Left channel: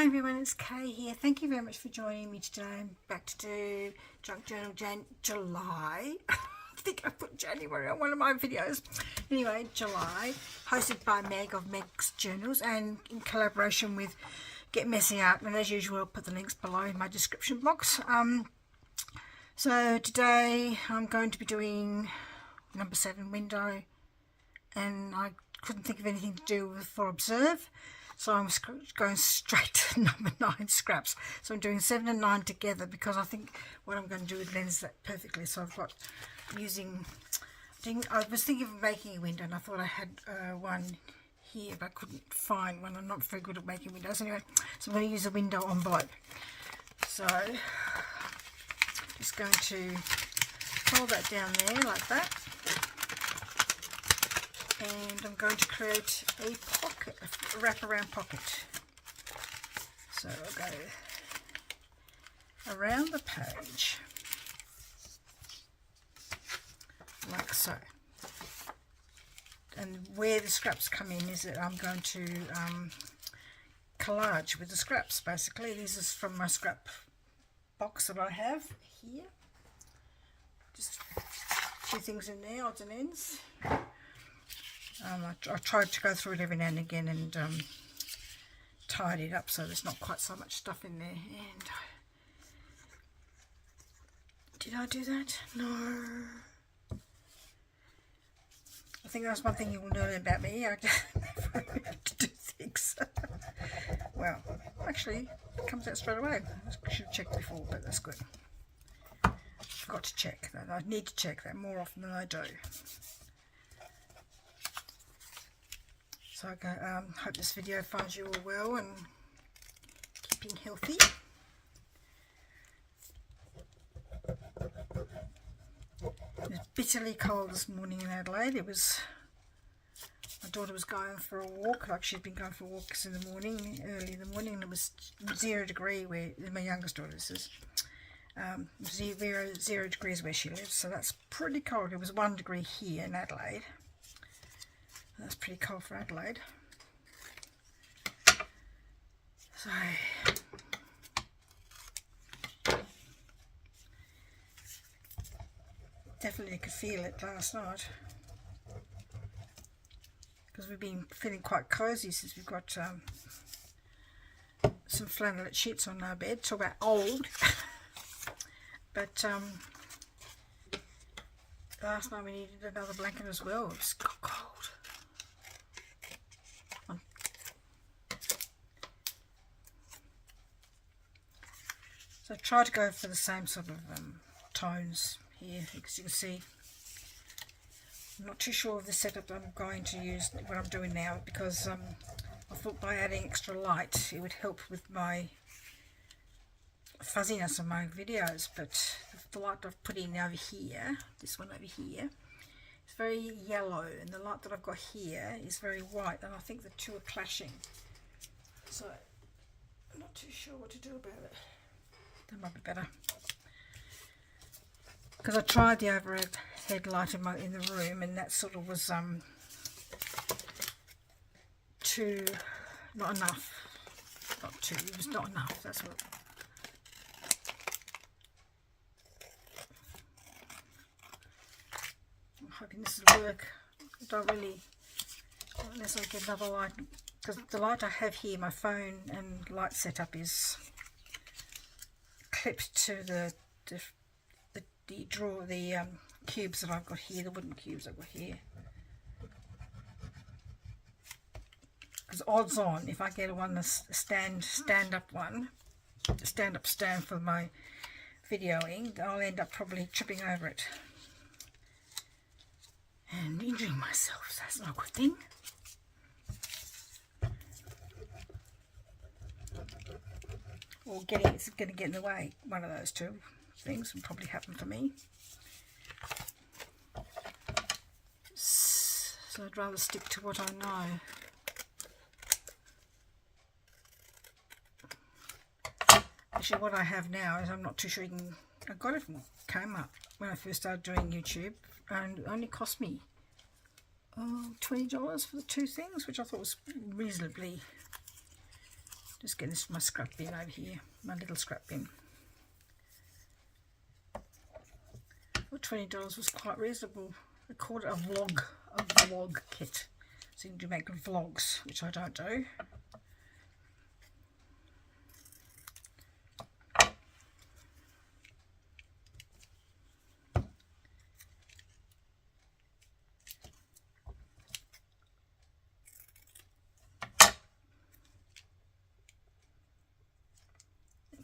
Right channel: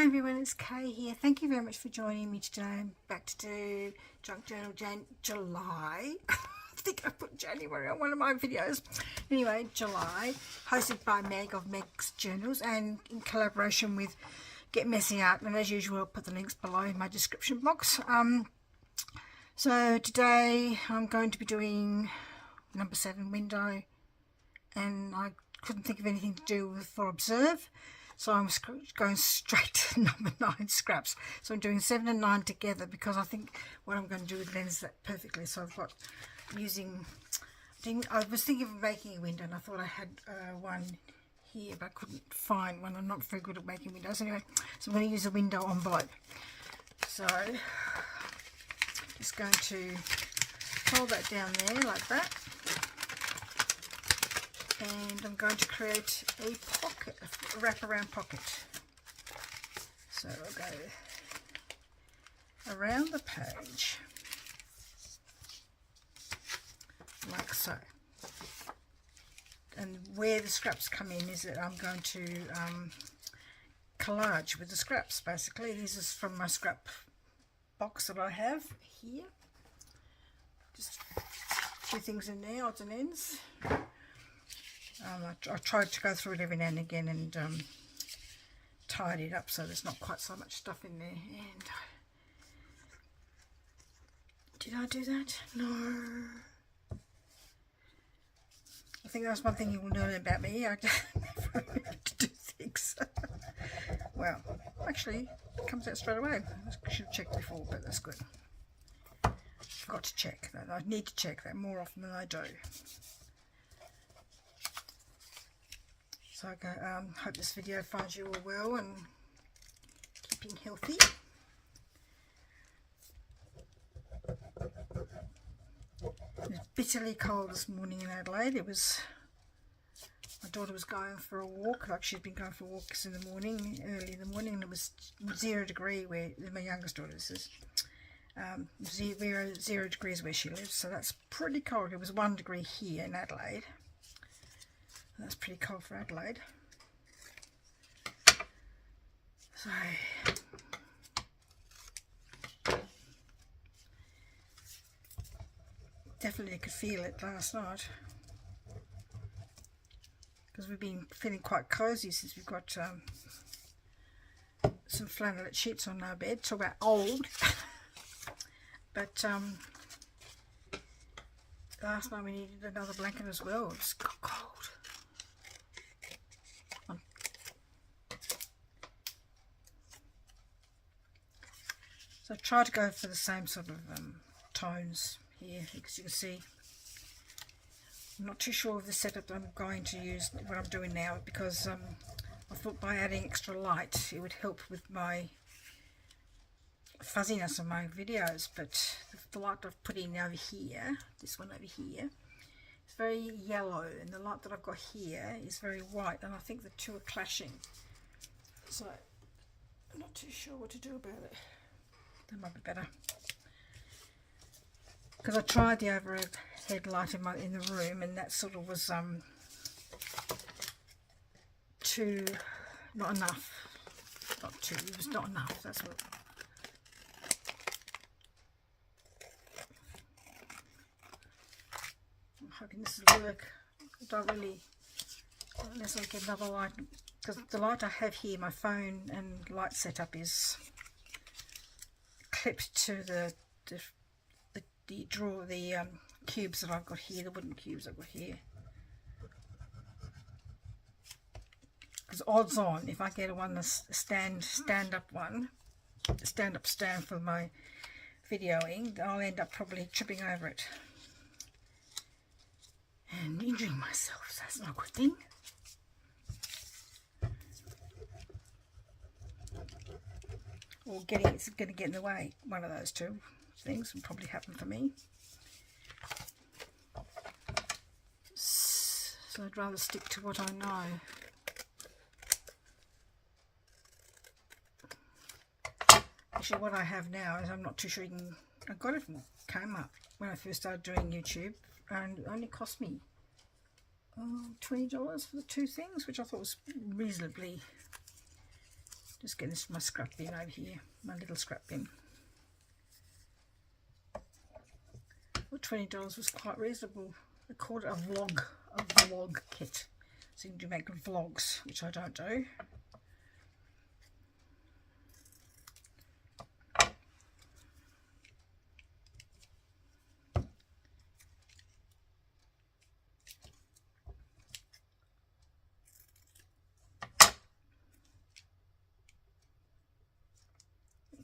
Hi everyone, it's Kay here. Thank you very much for joining me today. I'm back to do Junk Journal July. I think I put January on one of my videos. Anyway, July, hosted by Meg of Meg's Journals and in collaboration with Get Messy Art. And as usual, I'll put the links below in my description box. So today I'm going to be doing number 7 window, and I couldn't think of anything to do with for observe. So I'm going straight to number 9 scraps. So I'm doing 7 and 9 together because I think what I'm going to do would blends that perfectly. So I've got I was thinking of making a window, and I thought I had one here, but I couldn't find one. I'm not very good at making windows anyway. So I'm going to use a window envelope. So just going to hold that down there like that. And I'm going to create a pocket, a wraparound pocket. So I'll go around the page, like so. And where the scraps come in is that I'm going to collage with the scraps, basically. This is from my scrap box that I have here. Just a few things in there, odds and ends. I tried to go through it every now and again and tidy it up so there's not quite so much stuff in there. And did I do that? No. I think that's one thing you will learn about me. I just never remember to do things. Well, actually, it comes out straight away. I should have checked before, but that's good. Forgot to check that. I need to check that more often than I do. So I hope this video finds you all well and keeping healthy. It was bitterly cold this morning in Adelaide. My daughter was going for a walk, like she'd been going for walks in the morning, early in the morning, and it was 0 degree where my youngest daughter is. 0 degrees where she lives, so that's pretty cold. It was 1 degree here in Adelaide. That's pretty cold for Adelaide. So definitely could feel it last night because we've been feeling quite cozy since we've got some flannelette sheets on our bed. Talk about old. But last night we needed another blanket as well. It's got cold. So I try to go for the same sort of tones here, as you can see. I'm not too sure of the setup that I'm going to use, what I'm doing now, because I thought by adding extra light it would help with my fuzziness of my videos, but the light I've put in over here, this one over here, it's very yellow, and the light that I've got here is very white, and I think the two are clashing. So I'm not too sure what to do about it. That might be better, because I tried the overhead light in the room, and that sort of was not enough. It was not enough. That's what. I'm hoping this will work. I don't really, unless I get another light, because the light I have here, my phone and light setup is clipped to the cubes that I've got here, the wooden cubes I've got here. Because odds on, if I get a stand stand for my videoing, I'll end up probably tripping over it and injuring myself. So that's not a good thing. Or it's going to get in the way. One of those two things will probably happen for me. So I'd rather stick to what I know. Actually, what I have now is I'm not too sure I got it from Kmart when I first started doing YouTube, and it only cost me $20 for the two things, which I thought was reasonably Just getting this from my scrap bin over here, my little scrap bin. Well, $20 was quite reasonable. I called it a vlog kit. So you can make vlogs, which I don't do.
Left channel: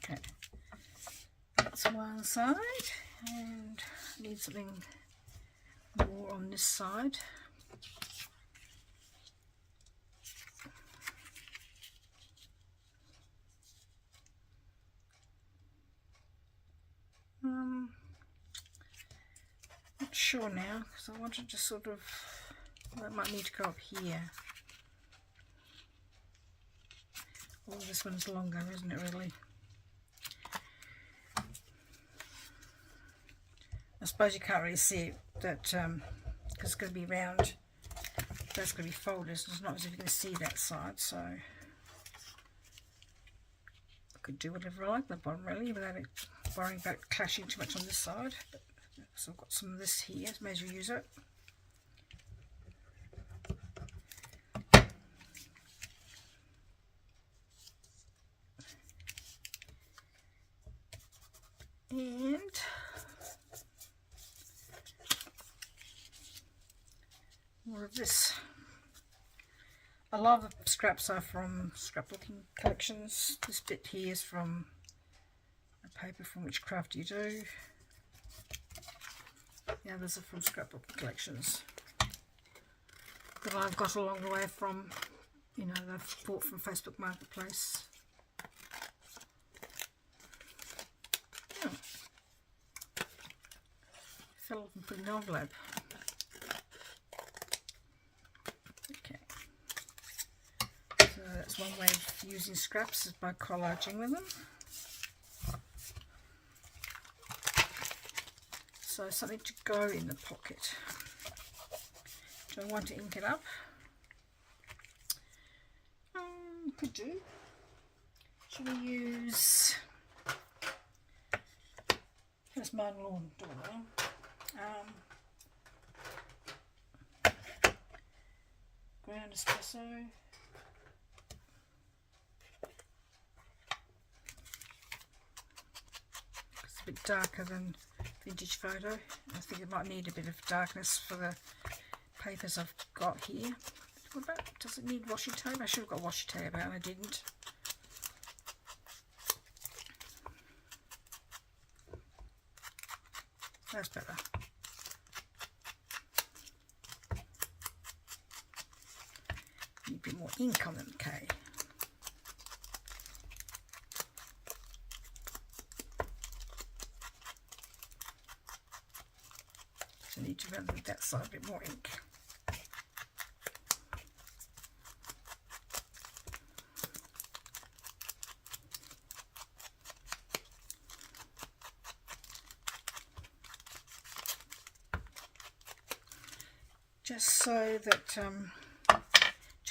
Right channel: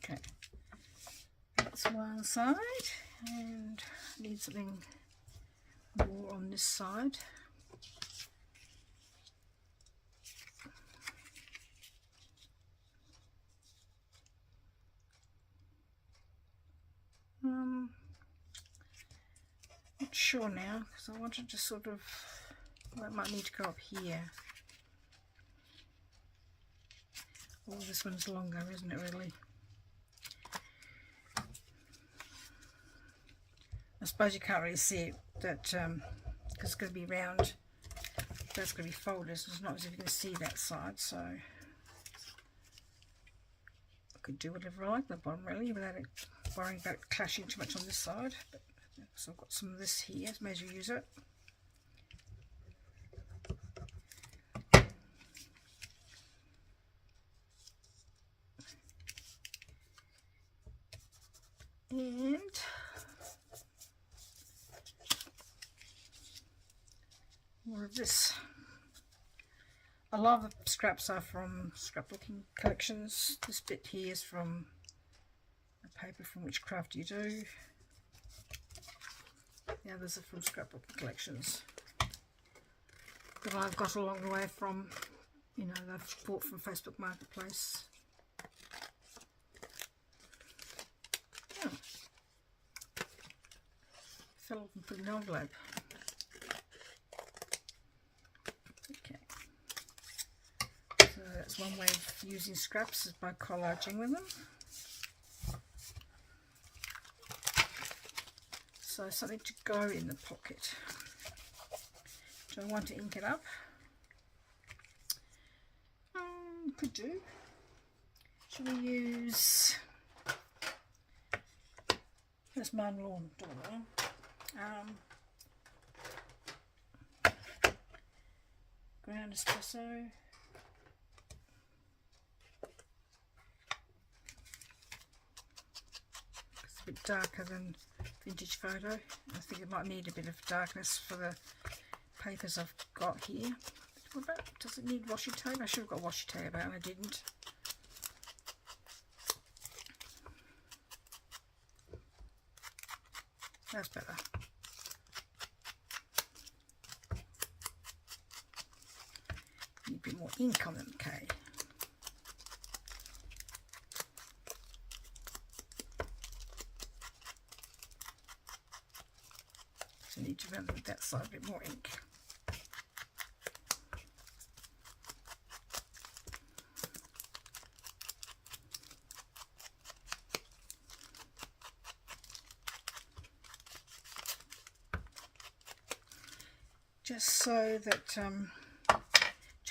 Okay, that's one side, and I need something more on this side. Not sure now, because I wanted to sort of, well, it might need to go up here. Oh, this one's longer, isn't it, really? I suppose you can't really see it, that because it's going to be round, that's going to be folded, so it's not as if you're going to see that side, so I could do whatever I like at the bottom, really, without it worrying about clashing too much on this side. But, so I've got some of this here, may as well use it. And more of this. A lot of the scraps are from scrapbooking collections. This bit here is from a paper from Which Craft You Do. The others are from scrapbook collections that I've got along the way from, you know, they've bought from Facebook Marketplace. Oh. Fell off and put in an envelope. Okay. So that's one way of using scraps, is by collaging with them. So something to go in the pocket. Do I want to ink it up? Could do. Should we use this man lawn? Ground espresso. It's a bit darker than vintage photo. I think it might need a bit of darkness for the papers I've got here. What about, does it need washi tape? I should have got washi tape out and I didn't. That's better. Need a bit more ink on them, okay. So I need to run that side a bit more ink. Just so that to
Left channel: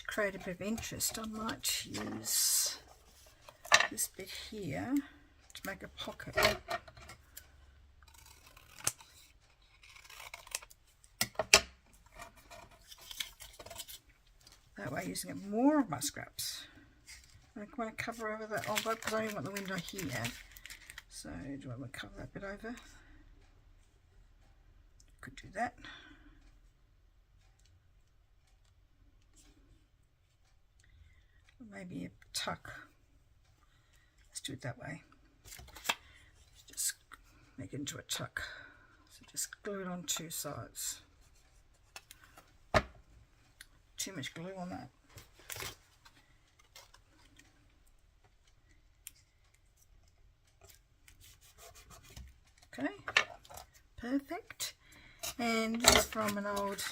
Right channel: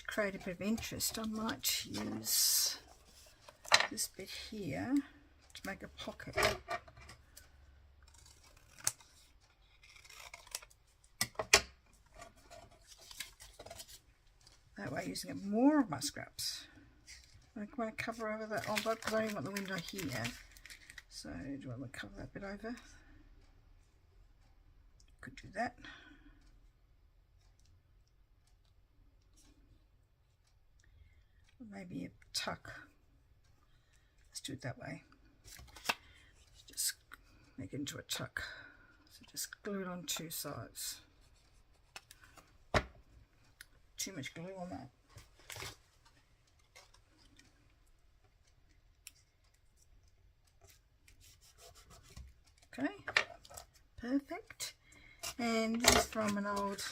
create a bit of interest, I might use this bit here to make a pocket. That way, using up more of my scraps. I want to cover over that envelope because I only want the window here. So, do I want to cover that bit over? Could do that. Maybe a tuck. Let's do it that way. Just make it into a tuck. So just glue it on two sides. Too much glue on that. Okay, perfect. And this is from an old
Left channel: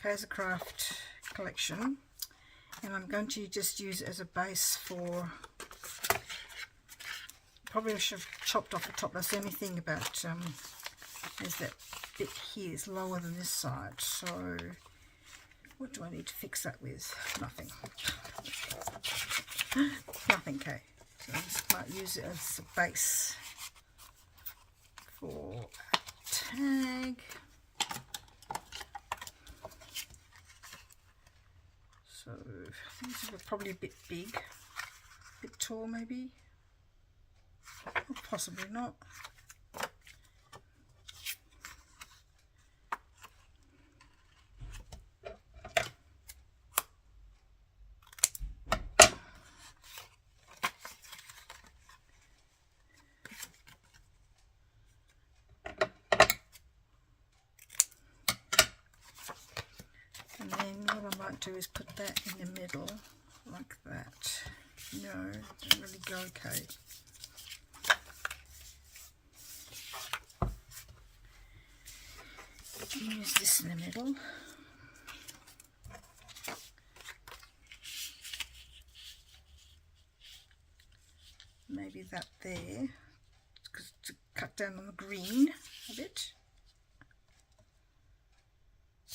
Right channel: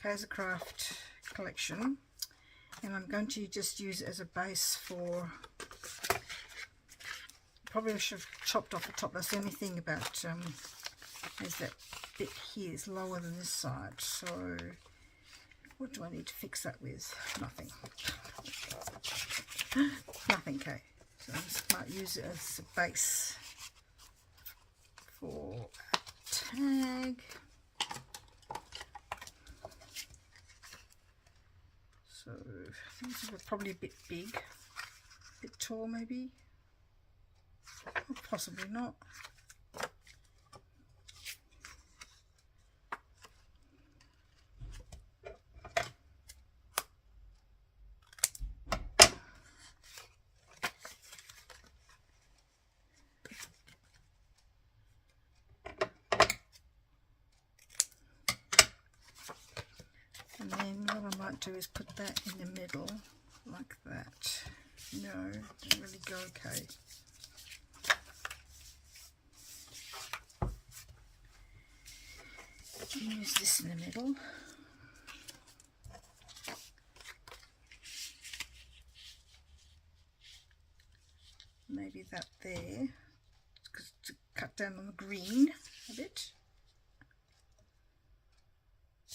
KoFi collection. And I'm going to just use it as a base for, probably I should have chopped off the top. That's the only thing about, is that bit here is lower than this side. So what do I need to fix that with? Nothing. nothing, okay. So I just might use it as a base for a tag. So these are probably a bit big, a bit tall maybe, or possibly not. And then what I might do is put that in the middle, like that. No, didn't really go okay. Use this in the middle. Maybe that there, to cut down on the green a bit.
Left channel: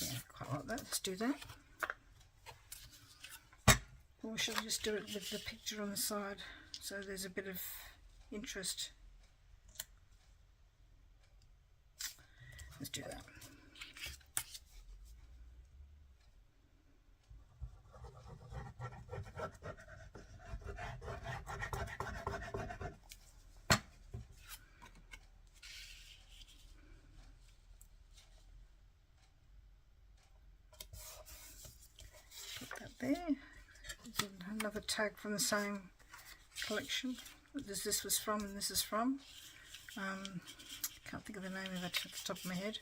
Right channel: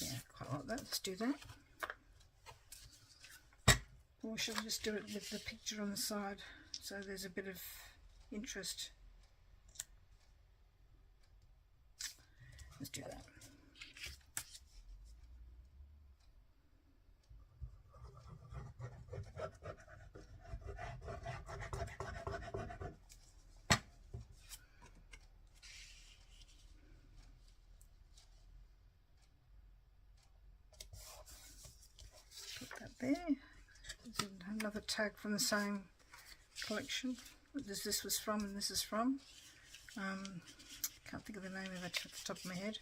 Yeah, quite like that. Let's do that. Or should I just do it with the picture on the side so there's a bit of interest? Let's do that. There. There's another tag from the same collection. This was from and this is from. Can't think of the name of it at the top of my head.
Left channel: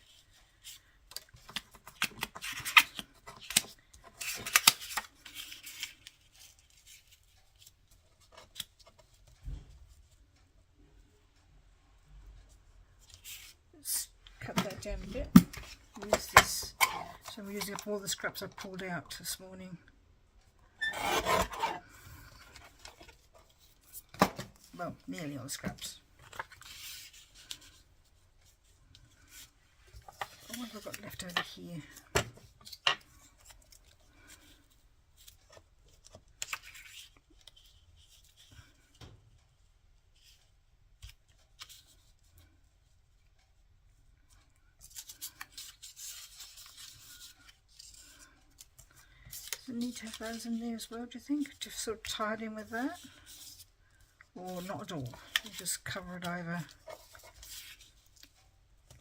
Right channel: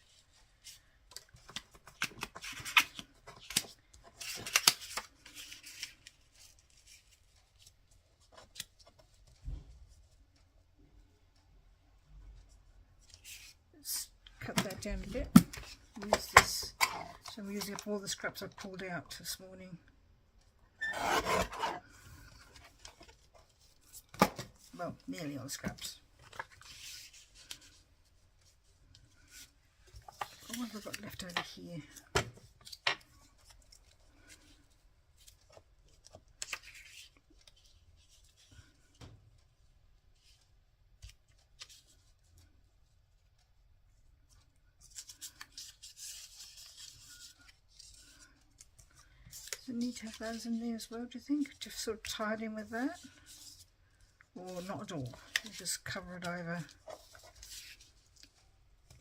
Let's cut that down a bit. Use this. So I'm using up all the scraps I pulled out this morning. Well, nearly all the scraps. What have I got left over here? Does it need to have those in there as well, do you think? To sort of tie it in with that? Or not at all? You just cover it over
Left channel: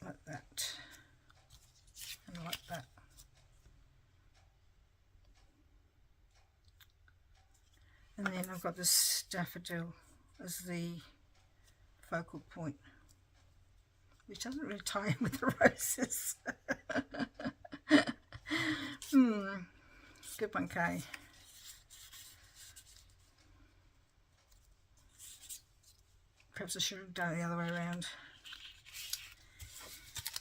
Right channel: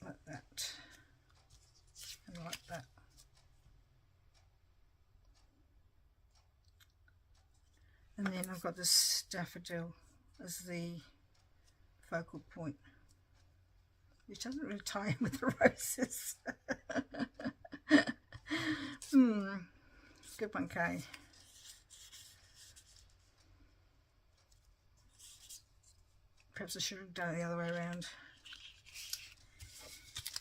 like that and like that. And then I've got this daffodil as the focal point, which doesn't really tie in with the roses. Good one, Kay. Perhaps I should have done it the other way around.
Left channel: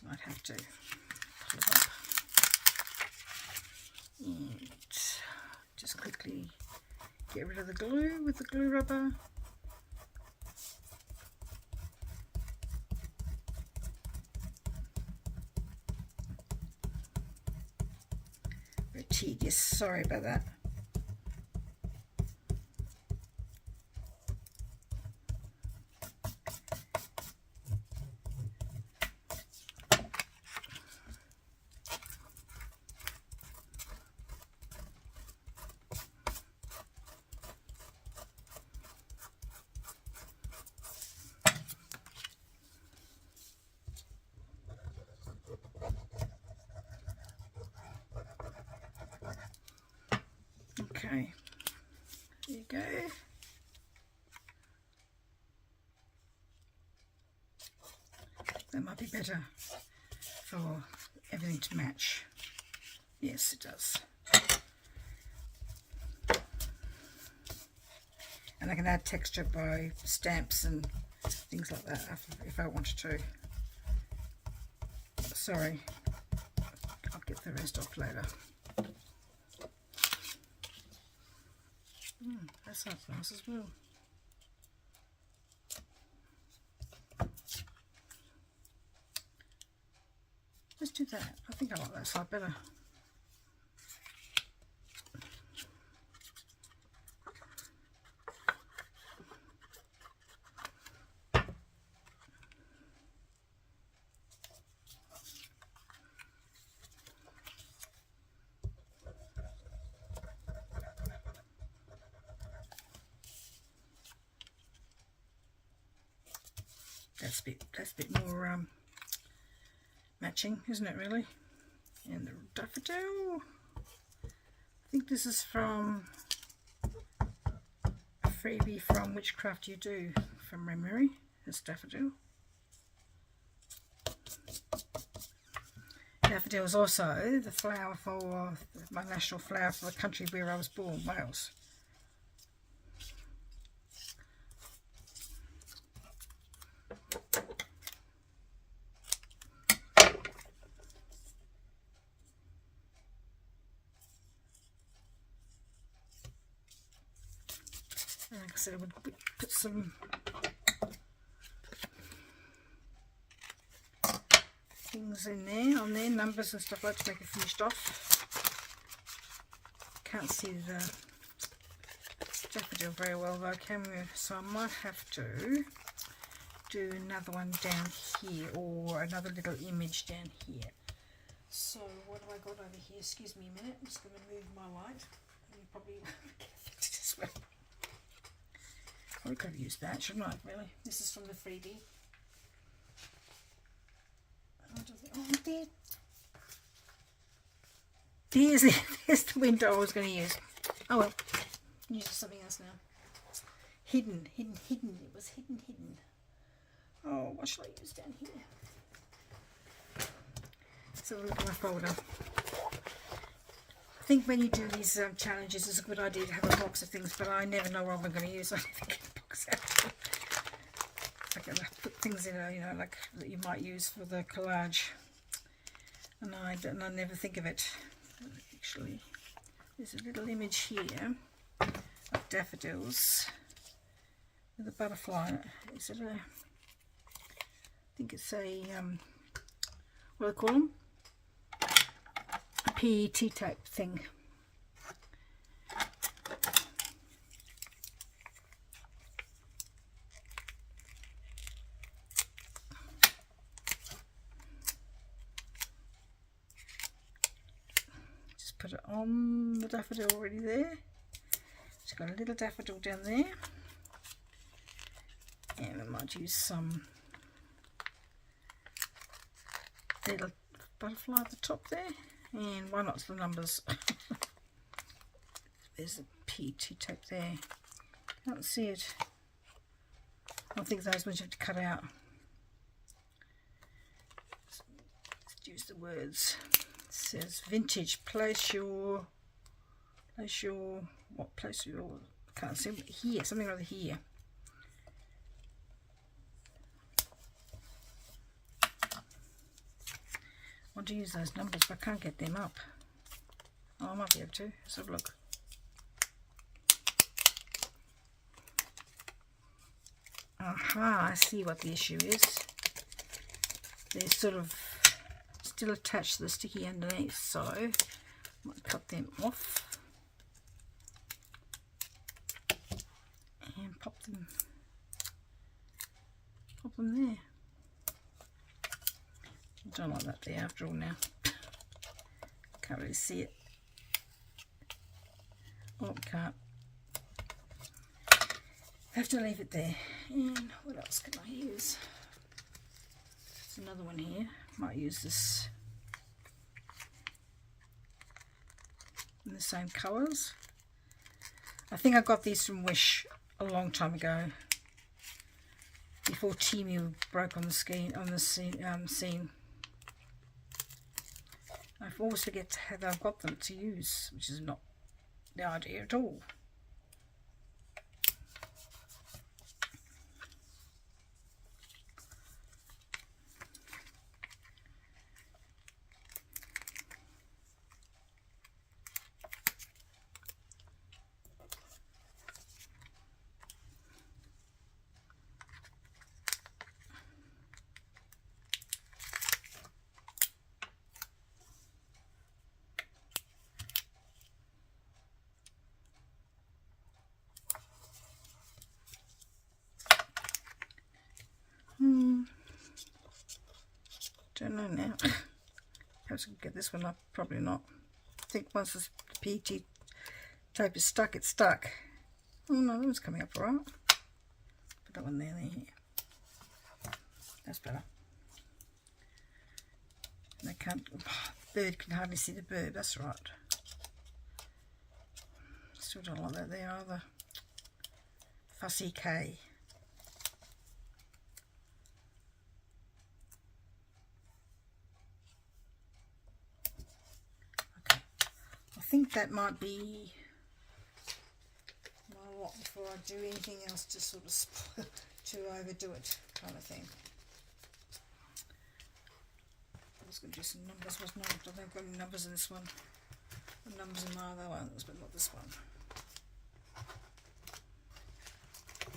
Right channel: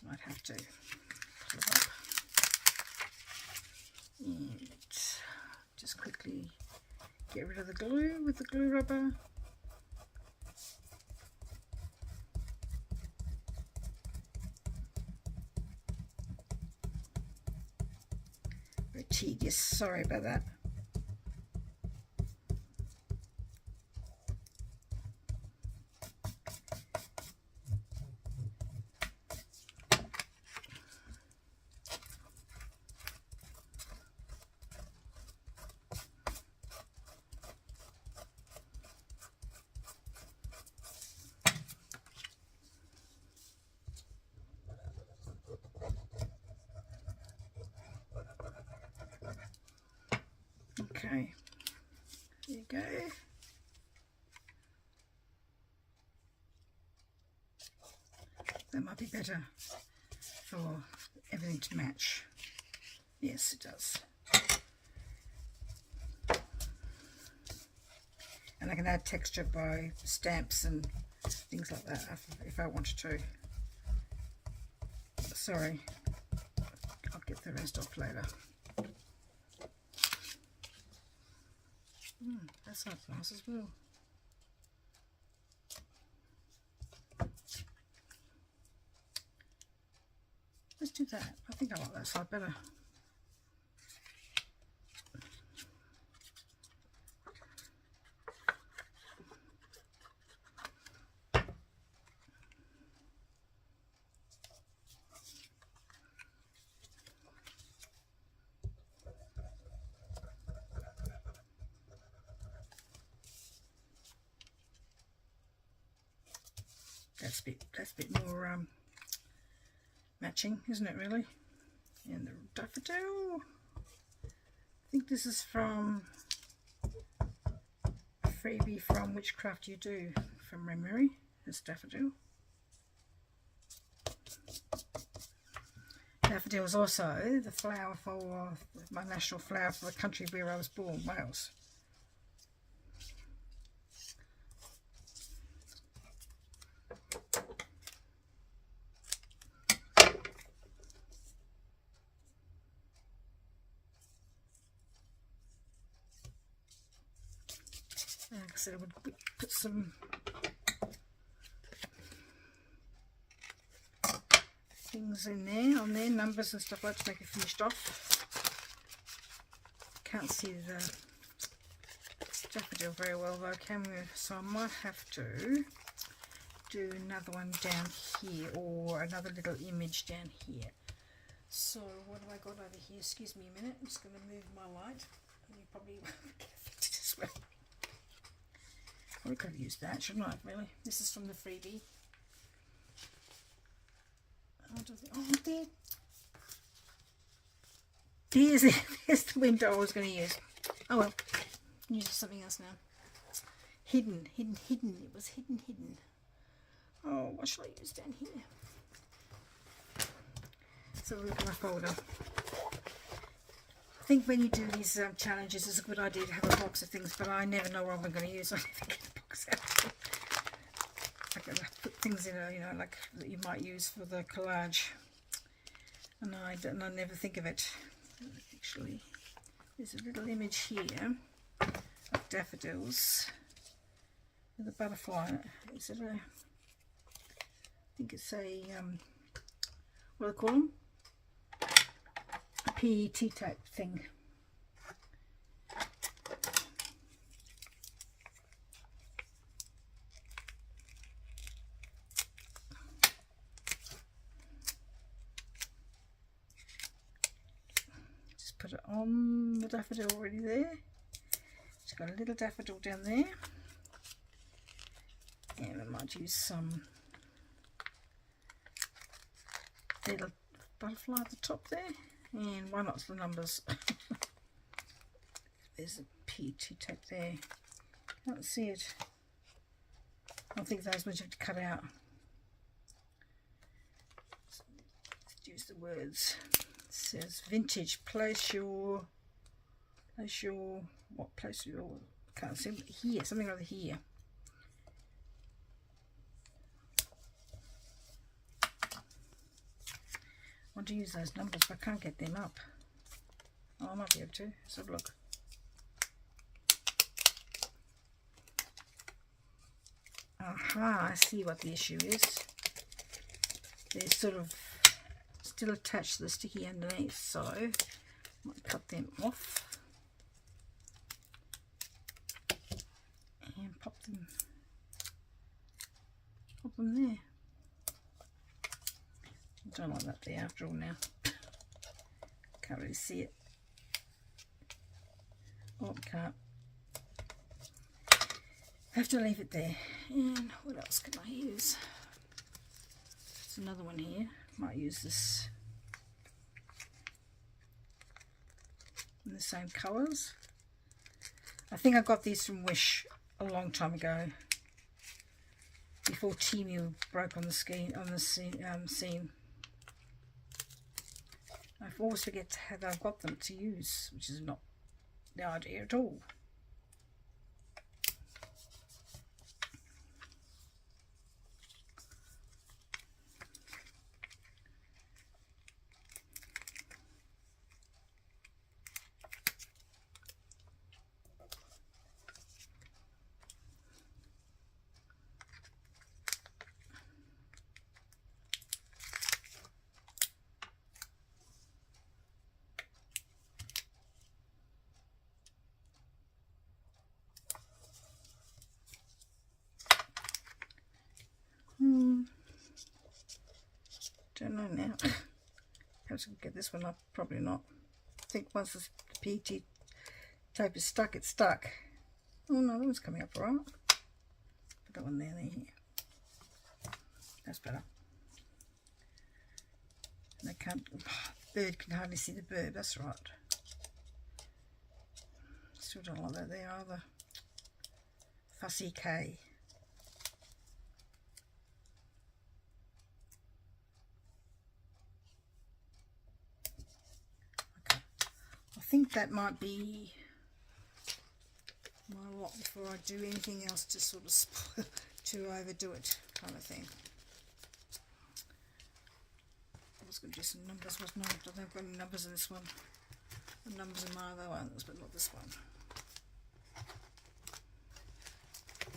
Might have to pull it up and just quickly get rid of the glue with the glue rubber. Very tedious, sorry about that. Okay, there you go. That might be better for everything to match. Yes, it does. And I can add texture by stamps and things like that if I wanted to. Sorry, I'll get the rest off later. That sounds nice as well. Let's do that. I think I like that side better. that's a bit more matching, isn't it really? And the daffodil, I think this is from a freebie from Witchcraft You Do from memory. This daffodil. Daffodil is also the flower for my national flower for the country where I was born, Wales. Like I said, I would put some things in there, on there, numbers and stuff like that to make it finished off. Can't see the daffodil very well though, can we? So I might have to do another one down here, or another little image down here. So what have I got over here? Excuse me a minute, I'm just going to move my light. You probably won't get it this way. I could have used that, shouldn't I, really? This is from the freebie. Oh, there's the window I was going to use. Oh well, use something else now. Hidden. It was hidden. Oh, what shall I use down here? Let's have a look at my folder. I think when you do these challenges, it's a good idea to have a box of things, but I never know what I'm going to use. I never get a box out. I can put things in, you know, like that you might use for the collage, and I never think of it. Actually, there's a little image here of daffodils with a butterfly. Is it a? I think it's a what do they call them? PET type thing. Just put it on the daffodil already there. It's got a little daffodil down there, and I might use some little butterfly at the top there. And why not the numbers? There's a PET tape there. Can't see it. I think those ones you have to cut out. Let's use the words. It says vintage. Place your. What place your? Can't see here. Something rather here. I want to use those numbers, but I can't get them up. Oh, I might be able to. Let's have a look. Aha, I see what the issue is. They're sort of still attached to the sticky underneath, so I might cut them off and pop them there. Don't like that there after all now. Can't really see it. Oh, can't. Have to leave it there. And what else can I use? There's another one here. Might use this in the same colours. I think I got these from Wish a long time ago, before Temu broke on the scene. I always forget how I've got them to use, which is not the idea at all. Don't know now. Perhaps I can get this one up. Probably not. I think once the PET tape is stuck, it's stuck. Oh no, that one's coming up all right. Put that one there, here. That's better. And they can't, bird can hardly see the bird, that's right. Still don't like that there either. Fussy K. Okay. I think that might be my lot before I do anything else to sort of to overdo it kind of thing. I was going to do some numbers, wasn't I? I don't think I've got any numbers in this one. The numbers in my other ones, but not this one.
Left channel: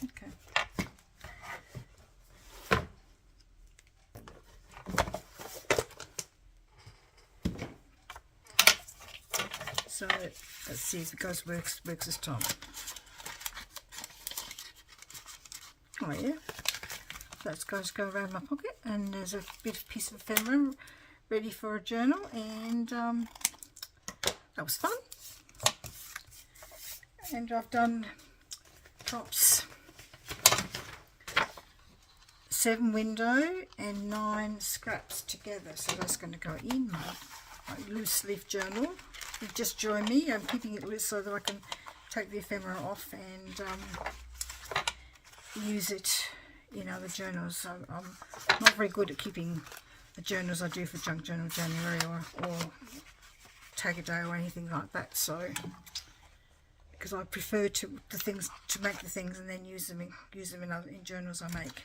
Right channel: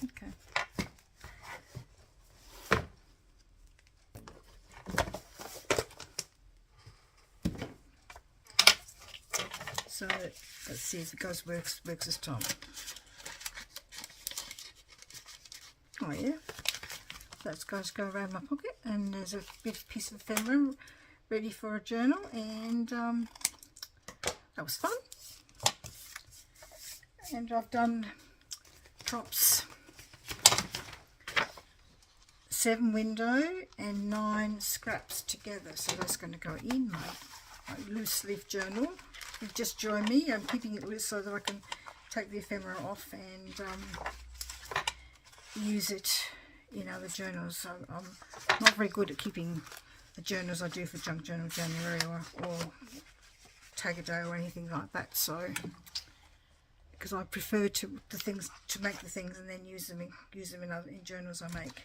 Okay. So let's see if it works this time. Oh yeah, that's going to go around my pocket, and there's a piece of ephemera ready for a journal, and that was fun. And I've done props 7 window and 9 scraps together, so that's going to go in my loose leaf journal. You just join me. I'm keeping it loose so that I can take the ephemera off and use it in other journals. So I'm not very good at keeping the journals I do for Junk Journal January or Tag a Day or anything like that. So because I prefer to make the things and then use them in journals I make.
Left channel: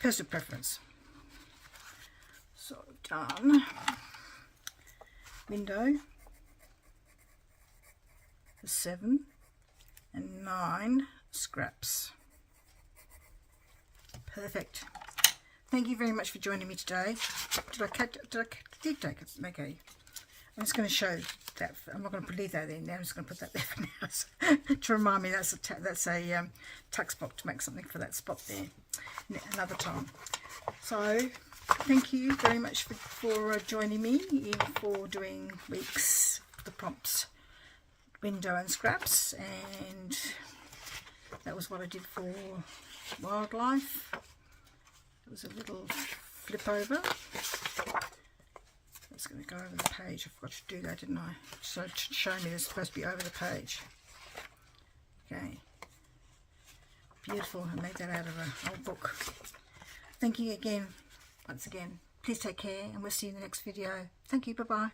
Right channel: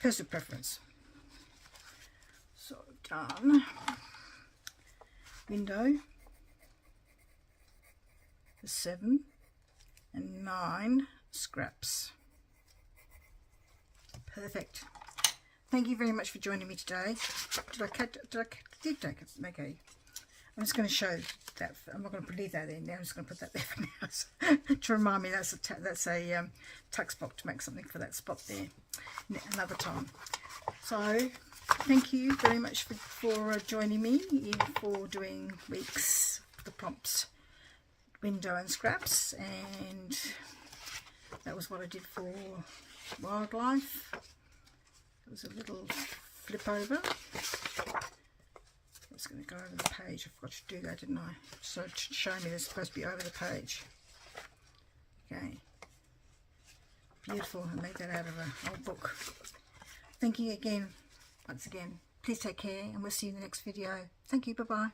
Personal preference. So done. Window for 7 and 9 scraps. Perfect. Thank you very much for joining me today. Did I take it? Okay. I'm just going to show that. I'm not going to leave that in there. I'm just going to put that there for now to remind me that's a tuck spot, to make something for that spot there another time. So thank you very much for joining me for doing weeks the prompts, window and scraps, and that was what I did for wildlife. It was a little flip over. It's going to go over the page. I forgot to do that, didn't I? So to show me it's supposed to be over the page. Okay. Beautiful. I made that out of an old book. Thank you again. Once again, please take care, and we'll see you in the next video. Thank you. Bye-bye.